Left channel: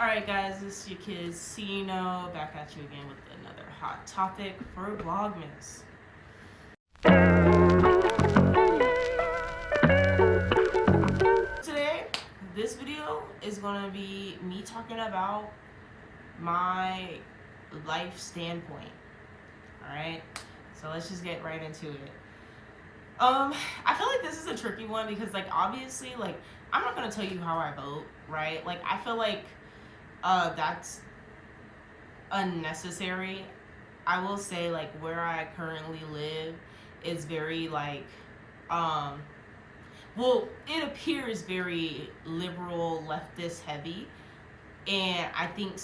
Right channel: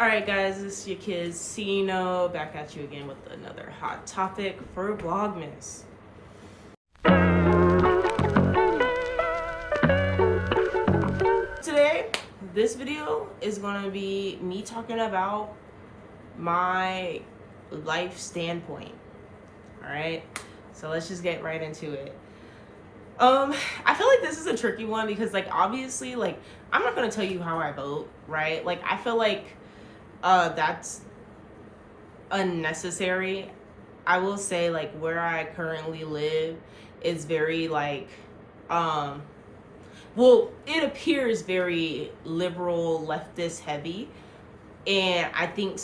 Alright guys, this is your kids Cino back at you again with another hot topic for VLOGMAS. Today, this video is going to be me talking about my life standpoint. Alright, so let's just get right into it. I feel like this is a tricky one because obviously I'm not going to tell you how I vote, right? I feel like that's unnecessary. I will say where I currently live is very well, it appears very liberal, leftist heavy, and I think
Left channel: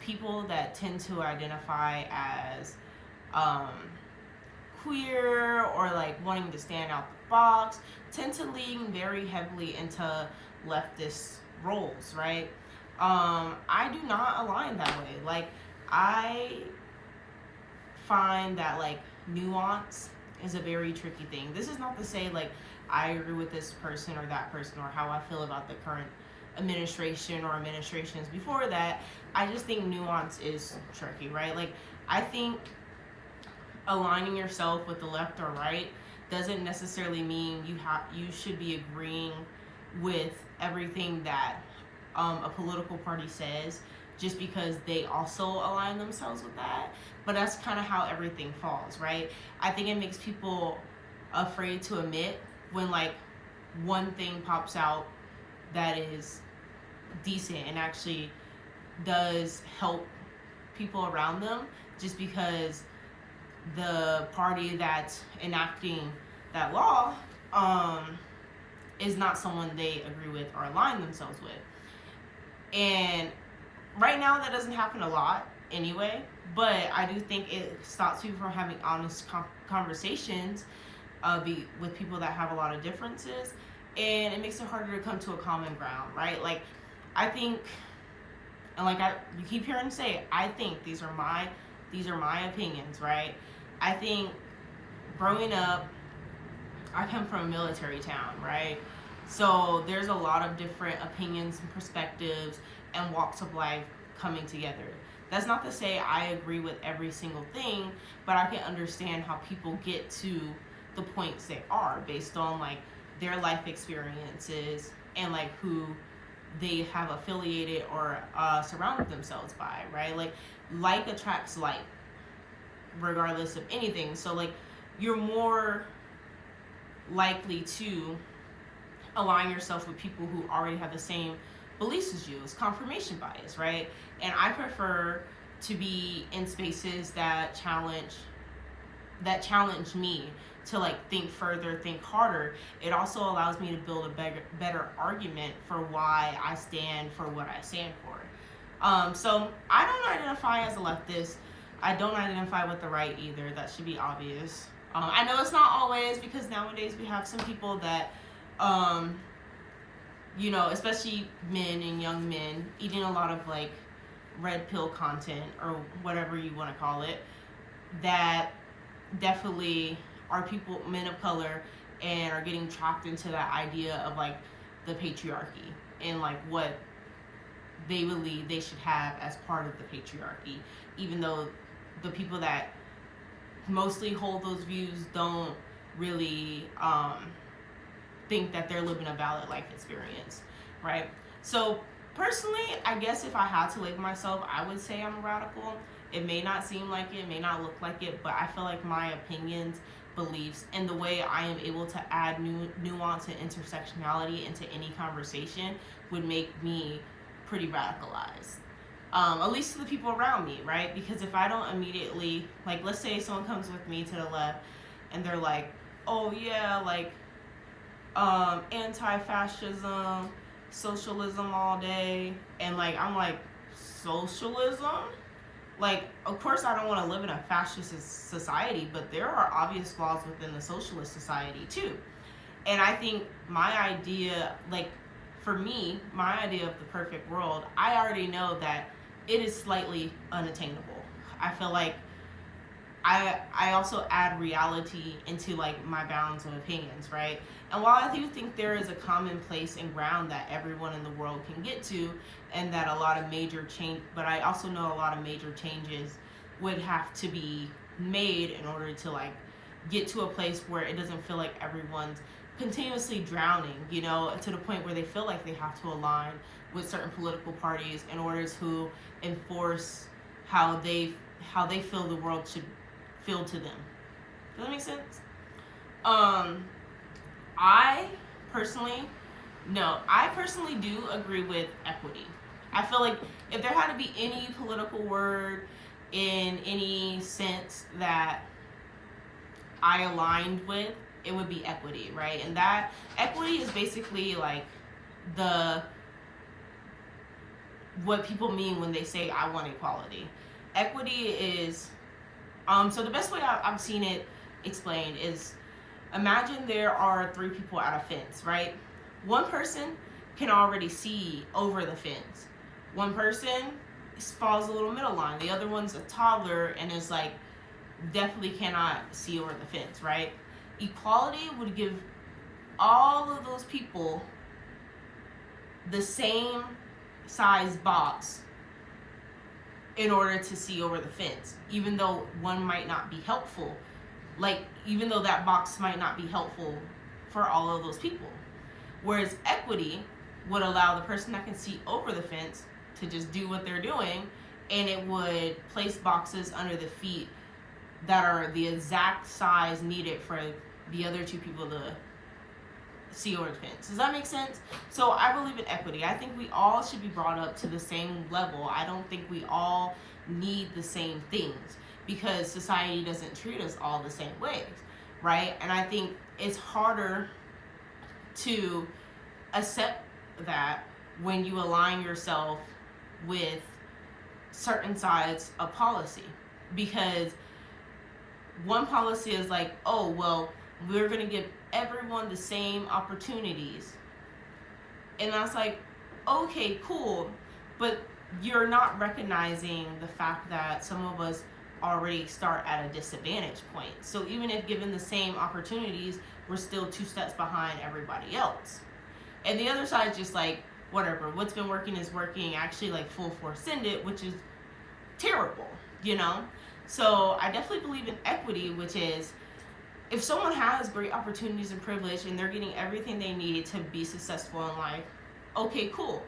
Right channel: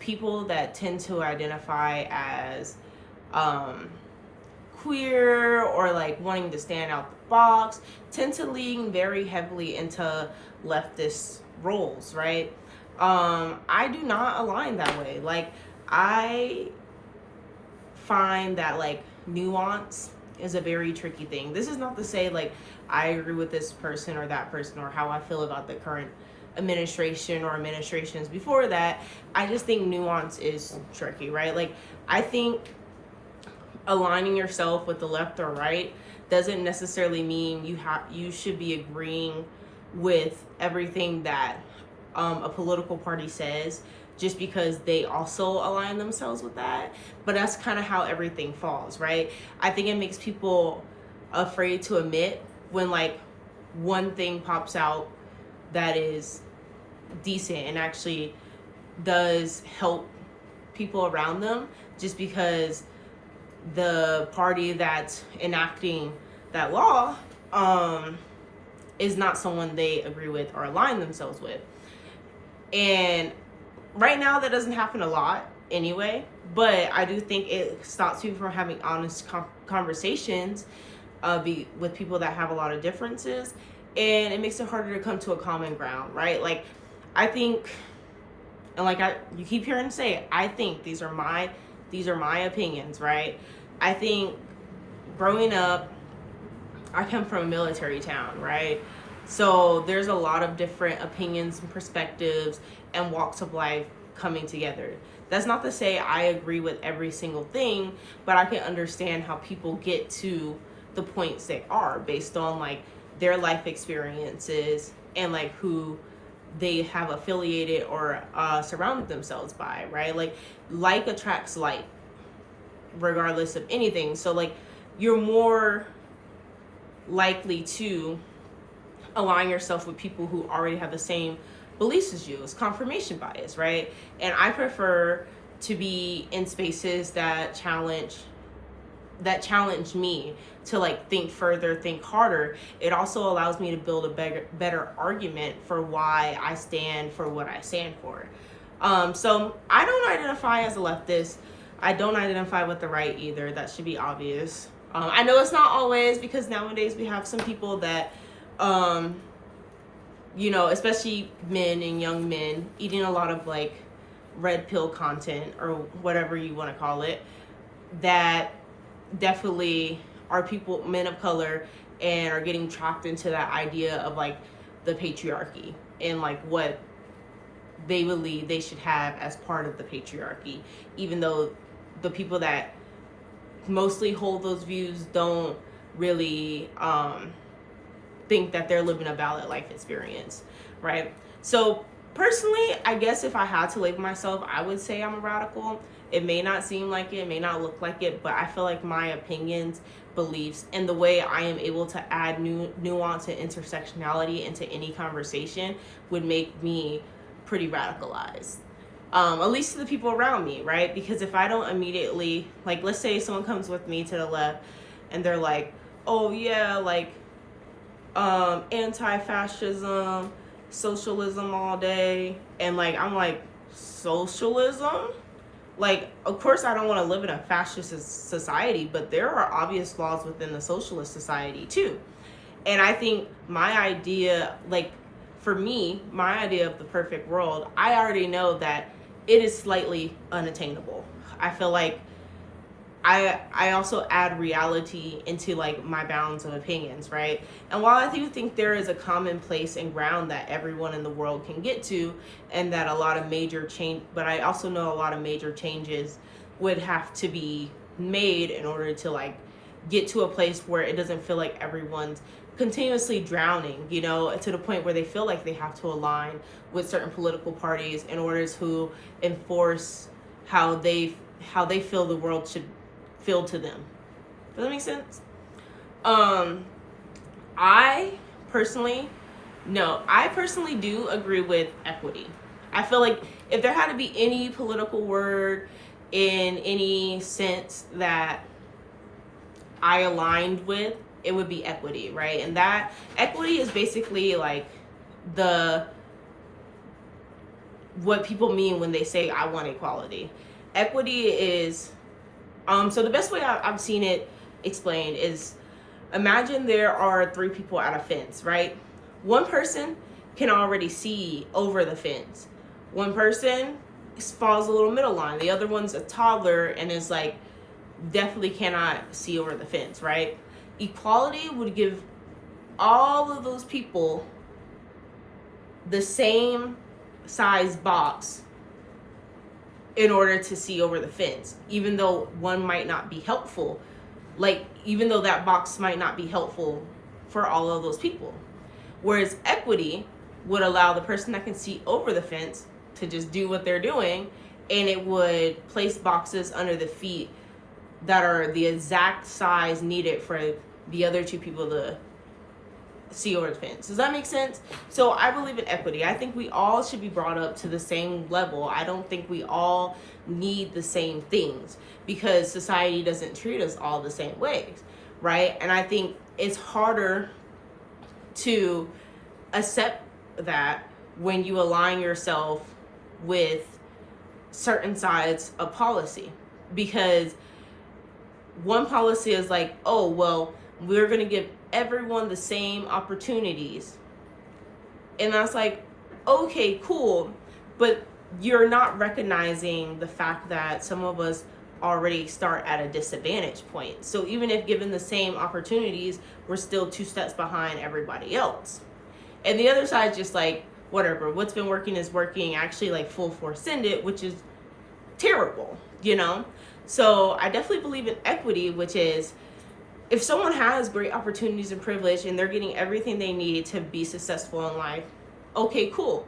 people that tend to identify as queer or wanting to stand out the box tend to lean very heavily into leftist roles, right? I do not align that way. I find that nuance is a very tricky thing. This is not to say I agree with this person or that person or how I feel about the current administration or administrations before that. I just think nuance is tricky, right? I think aligning yourself with the left or right doesn't necessarily mean you should be agreeing with everything that a political party says just because they also align themselves with that. But that's kind of how everything falls, right? I think it makes people afraid to admit when one thing pops out that is decent and actually does help people around them, just because the party that's enacting that law is not someone they agree with or align themselves with. And right now that doesn't happen a lot anyway, but I do think it stops people from having honest conversations with people that have a lot of differences, and it makes it harder to come to a common ground, right? I think, and you keep hearing say, I think these are my opinions, right? I think growing up, I come from a military town, right? So there's a lot of different opinions and perspectives and walks of life coming together. That's not to say I agree with every single thing, but I can understand how people get to the points they are based on their life experiences and who they have affiliated or surrounded themselves by, right? Like attracts like, regardless of anything. So you're more likely to align yourself with people who already have the same beliefs as you. It's confirmation bias, right? And I prefer to be in spaces that challenge me to think further, think harder. It also allows me to build a better argument for why I stand for what I stand for. So I don't identify as a leftist. I don't identify with the right either. That should be obvious. I know it's not always, because nowadays we have some people that especially men and young men, eating a lot of red pill content or whatever you want to call it, that definitely are people, men of color, and are getting trapped into that idea of the patriarchy and what they believe they should have as part of the patriarchy, even though the people that mostly hold those views don't really think that they're living a valid life experience, right? So personally, I guess if I had to label myself, I would say I'm a radical. It may not seem like it, may not look like it, but I feel like my opinions, beliefs, and the way I am able to add nuance and intersectionality into any conversation would make me pretty radicalized. At least to the people around me, right? Because if I don't immediately, let's say someone comes with me to the left and they're like, oh yeah, anti-fascism, socialism all day, and I'm like, socialism? Of course I don't want to live in a fascist society, but there are obvious flaws within the socialist society too. And I think my idea, for me, my idea of the perfect world, I already know that it is slightly unattainable. I feel like I also add reality into like my bounds of opinions, right? And while I do think there is a common place and ground that everyone in the world can get to, and that a lot of major change, but I also know a lot of major changes would have to be made in order to like get to a place where it doesn't feel like everyone's continuously drowning, you know, to the point where they feel like they have to align with certain political parties in order to enforce how they feel the world should feel to them. Does that make sense? I personally do agree with equity. I feel like if there had to be any political word in any sense that I aligned with, it would be equity, right? And that equity is basically like what people mean when they say I want equality. Equity is so the best way I've seen it explained is, imagine there are 3 people at a fence, right? One person can already see over the fence. One person falls a little middle line. The other one's a toddler and is like definitely cannot see over the fence, right? Equality would give all of those people the same size box in order to see over the fence, even though one might not be helpful. Like, even though that box might not be helpful for all of those people. Whereas equity would allow the person that can see over the fence to just do what they're doing, and it would place boxes under the feet that are the exact size needed for the other 2 people to see over the fence. Does that make sense? So I believe in equity. I think we all should be brought up to the same level. I don't think we all need the same things, because society doesn't treat us all the same ways, right? And I think it's harder to accept that when you align yourself with certain sides of policy, because one policy is like, oh, well, we're going to give everyone the same opportunities. And that's like, okay, cool. But you're not recognizing the fact that some of us already start at a disadvantage point. So even if given the same opportunities, we're still 2 steps behind everybody else. And the other side just like, whatever, what's been working is working, actually like full force send it, which is terrible, you know? So I definitely believe in equity, which is, if someone has great opportunities and privilege and they're getting everything they need to be successful in life, okay, cool.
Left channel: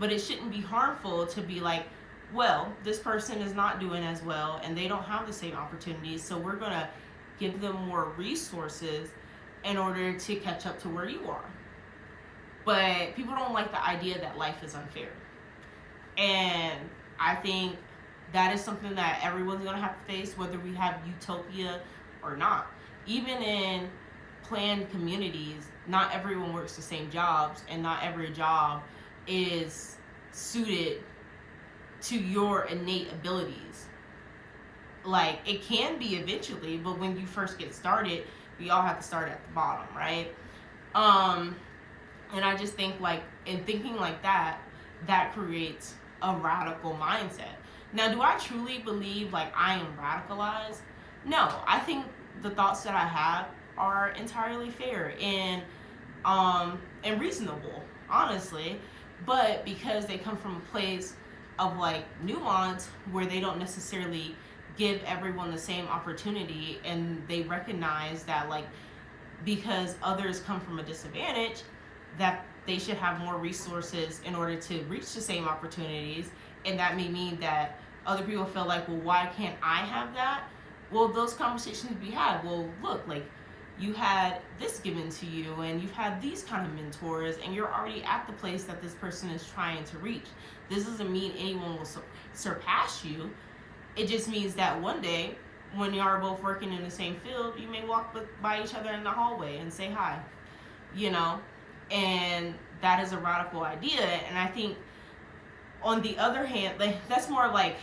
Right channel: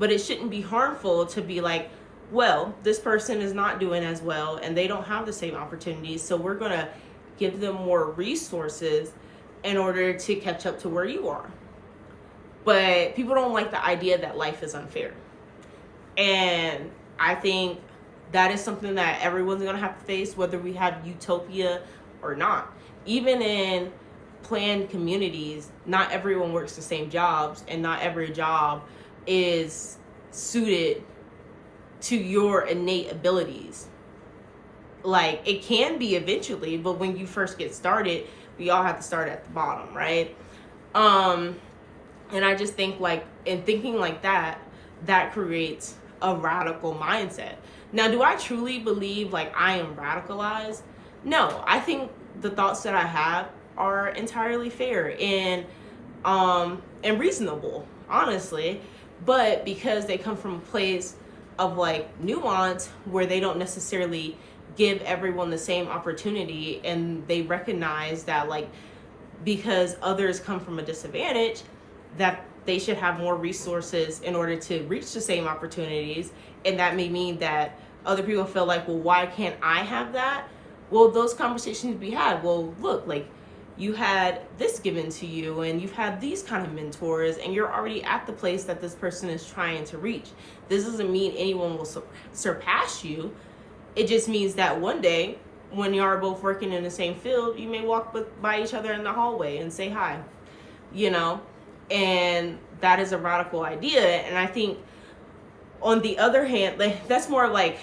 But it shouldn't be harmful to be like, well, this person is not doing as well and they don't have the same opportunities, so we're going to give them more resources in order to catch up to where you are. But people don't like the idea that life is unfair. And I think that is something that everyone's going to have to face, whether we have utopia or not. Even in planned communities, not everyone works the same jobs, and not every job is suited to your innate abilities. Like, it can be eventually, but when you first get started, we all have to start at the bottom, right? And I just think, like, in thinking like that, that creates a radical mindset. Now, do I truly believe like I am radicalized? No, I think the thoughts that I have are entirely fair and reasonable, honestly. But because they come from a place of like nuance, where they don't necessarily give everyone the same opportunity, and they recognize that like because others come from a disadvantage, that they should have more resources in order to reach the same opportunities. And that may mean that other people feel like, well, why can't I have that? Well, those conversations be had. Well, look, like, you had this given to you, and you've had these kind of mentors, and you're already at the place that this person is trying to reach. This doesn't mean anyone will surpass you. It just means that one day, when you are both working in the same field, you may walk by each other in the hallway and say hi, you know? And that is a radical idea. And I think, on the other hand, like, that's more like,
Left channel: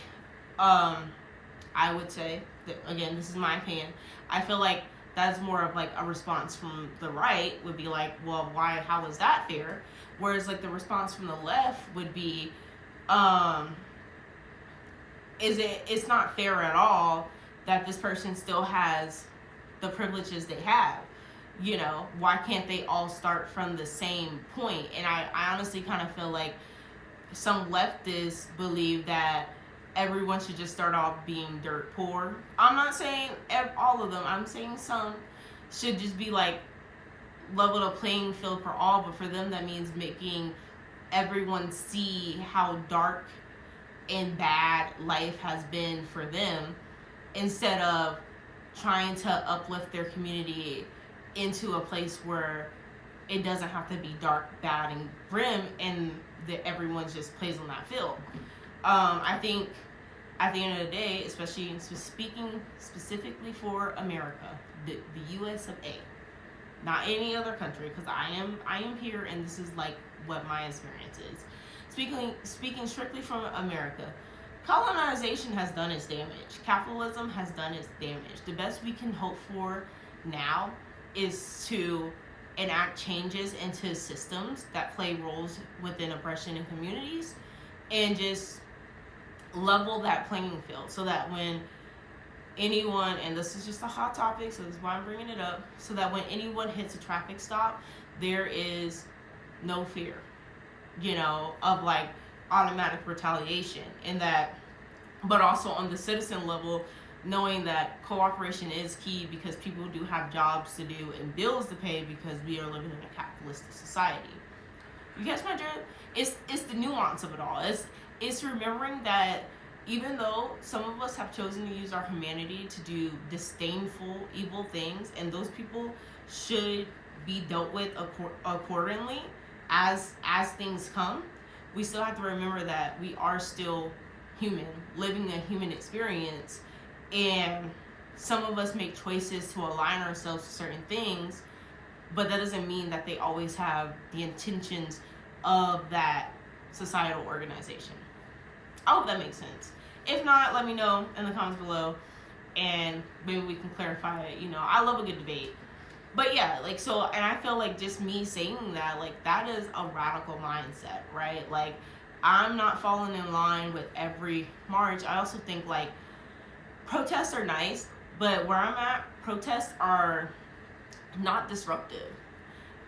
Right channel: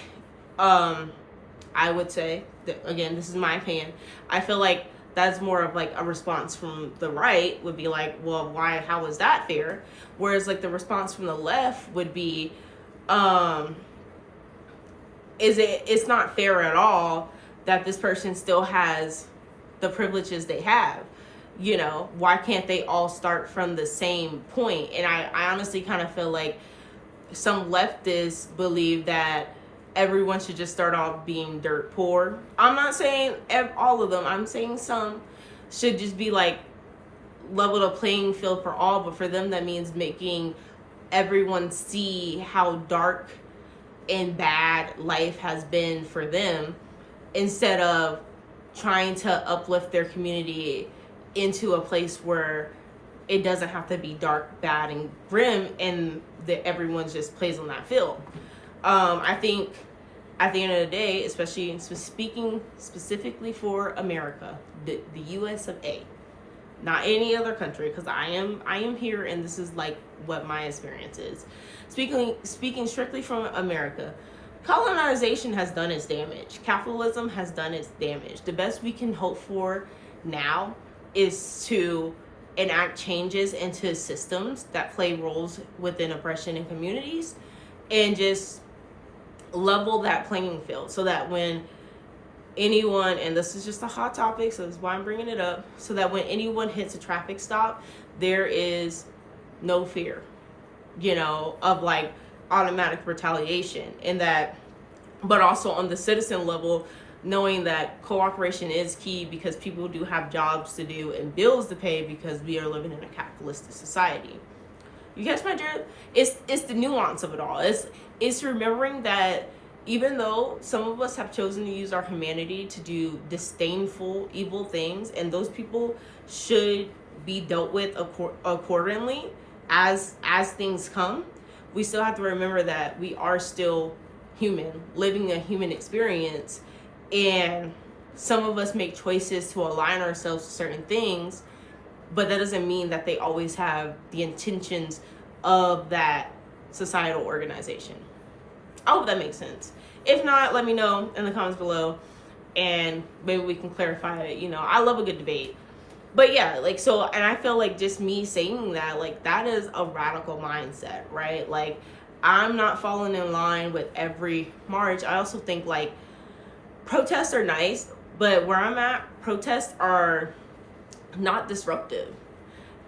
I would say, that, again, this is my opinion, I feel like that's more of like a response from the right would be like, well, why, how is that fair? Whereas like the response from the left would be, it's not fair at all that this person still has the privileges they have. You know, why can't they all start from the same point? And I honestly kind of feel like some leftists believe that everyone should just start off being dirt poor. I'm not saying all of them. I'm saying some should just be like level the playing field for all, but for them that means making everyone see how dark and bad life has been for them, instead of trying to uplift their community into a place where it doesn't have to be dark, bad, and grim, and that everyone just plays on that field. I think at the end of the day, especially speaking specifically for America, the US of A, not any other country, because I am here, and this is like what my experience is. Speaking strictly from America, colonization has done its damage. Capitalism has done its damage. The best we can hope for now is to enact changes into systems that play roles within oppression in communities, and just level that playing field, so that when anyone, and this is just a hot topic, so that's why I'm bringing it up, so that when anyone hits a traffic stop, there is no fear, you know, of like automatic retaliation. And that, but also on the citizen level, knowing that cooperation is key, because people do have jobs to do and bills to pay, because we are living in a capitalistic society. You catch my drift? It's the nuance of it all. It's remembering that even though some of us have chosen to use our humanity to do disdainful, evil things, and those people should be dealt with accordingly as things come, we still have to remember that we are still human, living a human experience, and some of us make choices to align ourselves to certain things, but that doesn't mean that they always have the intentions of that societal organization. I hope that makes sense. If not, let me know in the comments below, and maybe we can clarify it. You know, I love a good debate. But yeah, like, so, and I feel like just me saying that, like, that is a radical mindset, right? Like, I'm not falling in line with every march. I also think, like, protests are nice, but where I'm at, protests are not disruptive.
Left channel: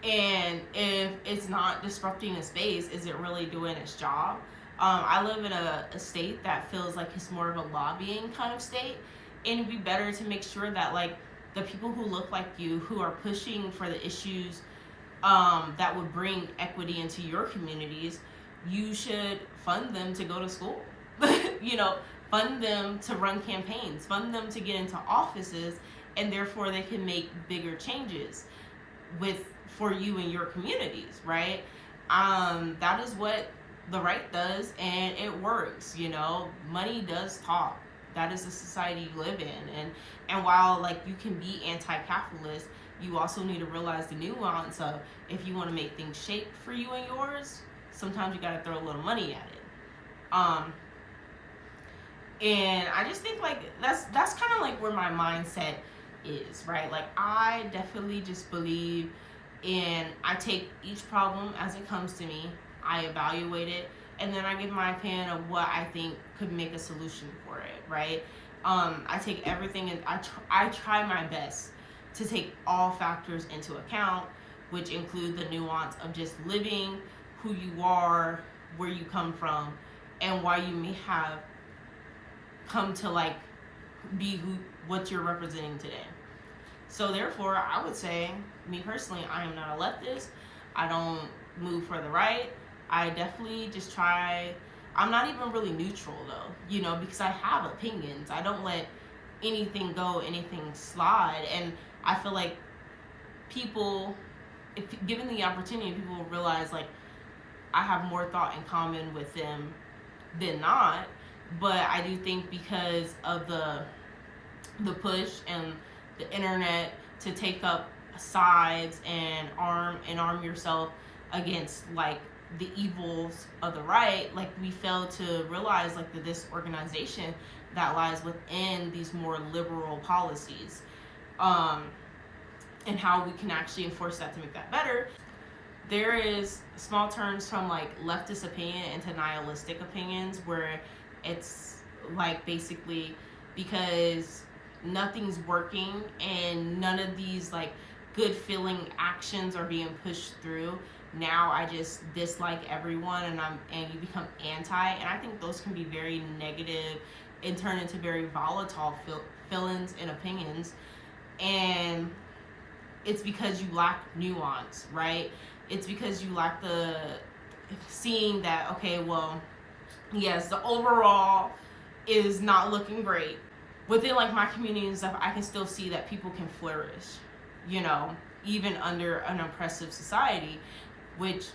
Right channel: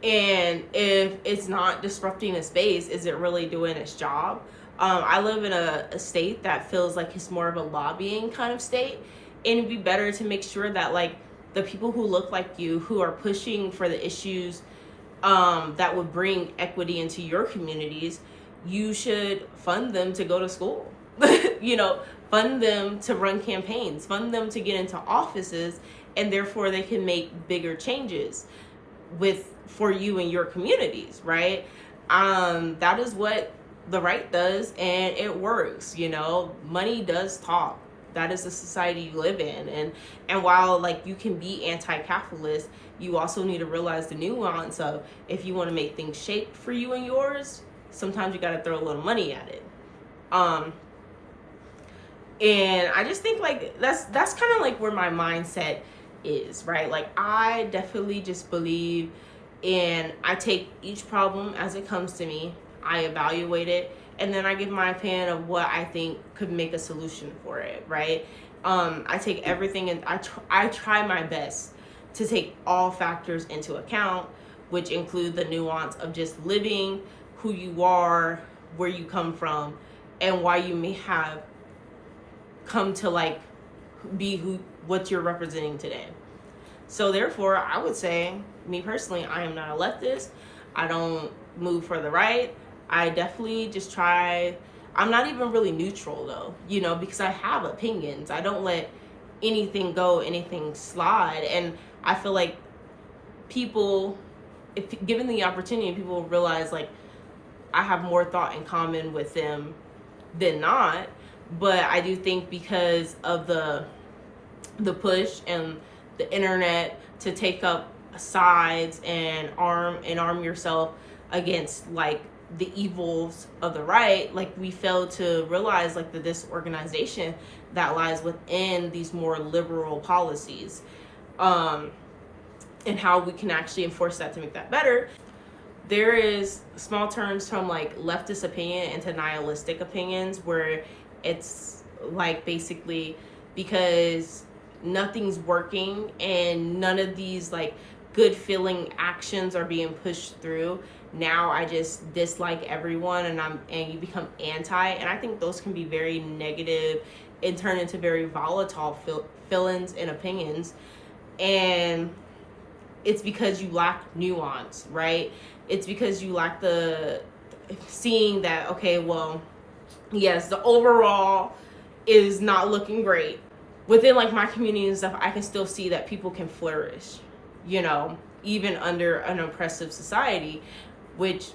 And if it's not disrupting a space, is it really doing its job? I live in a state that feels like it's more of a lobbying kind of state, and it'd be better to make sure that, like, the people who look like you, who are pushing for the issues that would bring equity into your communities, you should fund them to go to school. You know, fund them to run campaigns, fund them to get into offices, and therefore they can make bigger changes for you and your communities, right? That is what the right does, and it works. You know, money does talk. That is the society you live in. And while, like, you can be anti-capitalist, you also need to realize the nuance of, if you want to make things shake for you and yours, sometimes you got to throw a little money at it. And I just think, like, that's kind of like where my mindset is, right? Like, I definitely just believe in, I take each problem as it comes to me, I evaluate it, and then I give my opinion of what I think could make a solution for it, right? I take everything, and I try my best to take all factors into account, which include the nuance of just living, who you are, where you come from, and why you may have come to, like, be what you're representing today. So therefore, I would say, me personally, I am not a leftist. I don't move for the right. I definitely just try, I'm not even really neutral though, you know, because I have opinions. I don't let anything go, anything slide. And I feel like people, if given the opportunity, people will realize, like, I have more thought in common with them than not. But I do think because of the push and the internet to take up sides and arm yourself against, like, the evils of the right, like, we fail to realize, like, the disorganization that lies within these more liberal policies, and how we can actually enforce that to make that better. There is small terms from, like, leftist opinion into nihilistic opinions, where it's like, basically, because nothing's working and none of these like good feeling actions are being pushed through, now I just dislike everyone and you become anti. And I think those can be very negative and turn into very volatile feelings and opinions. And it's because you lack nuance, right? It's because you lack the seeing that, okay, well, yes, the overall is not looking great. Within like my community and stuff, I can still see that people can flourish, you know, even under an oppressive society, which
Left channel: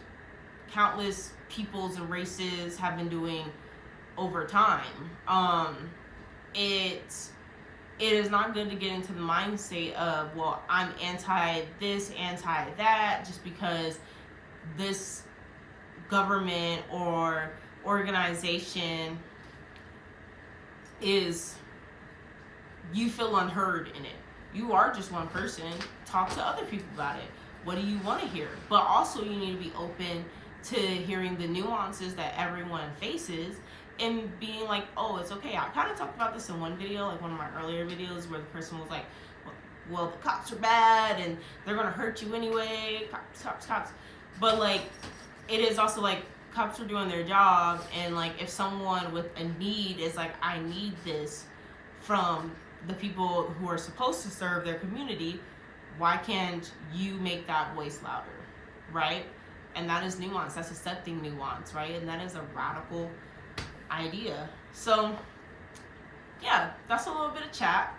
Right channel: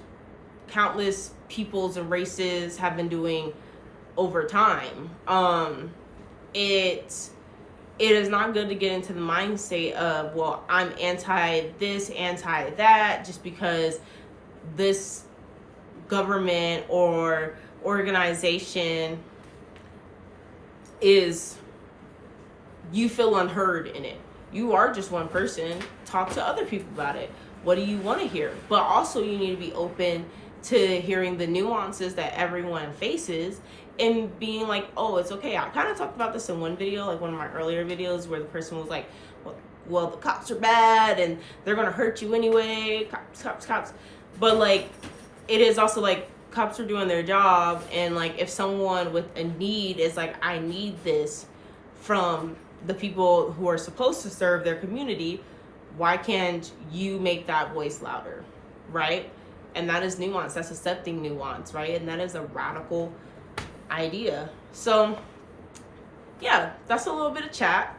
countless peoples and races have been doing over time. It is not good to get into the mind state of, well, I'm anti this, anti that, just because this government or organization is, you feel unheard in it. You are just one person. Talk to other people about it. What do you want to hear? But also you need to be open to hearing the nuances that everyone faces and being like, oh, it's okay. I kind of talked about this in one video, like one of my earlier videos, where the person was like, well, the cops are bad and they're going to hurt you anyway. Cops. But like, it is also like, cops are doing their job, and like if someone with a need is like, I need this from the people who are supposed to serve their community, why can't you make that voice louder, right? And that is nuance. That's accepting nuance, right? And that is a radical idea. So yeah, that's a little bit of chat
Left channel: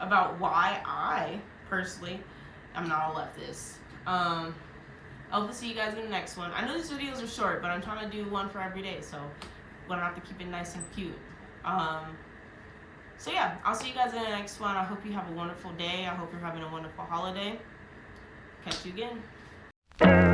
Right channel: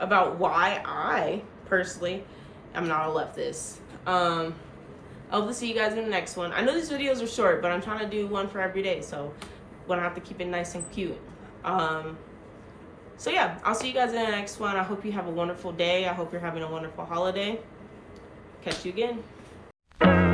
about why I personally am not a leftist. I hope to see you guys in the next one. I know these videos are short, but I'm trying to do one for every day, so I'm gonna have to keep it nice and cute. So yeah, I'll see you guys in the next one. I hope you have a wonderful day. I hope you're having a wonderful holiday. Catch you again.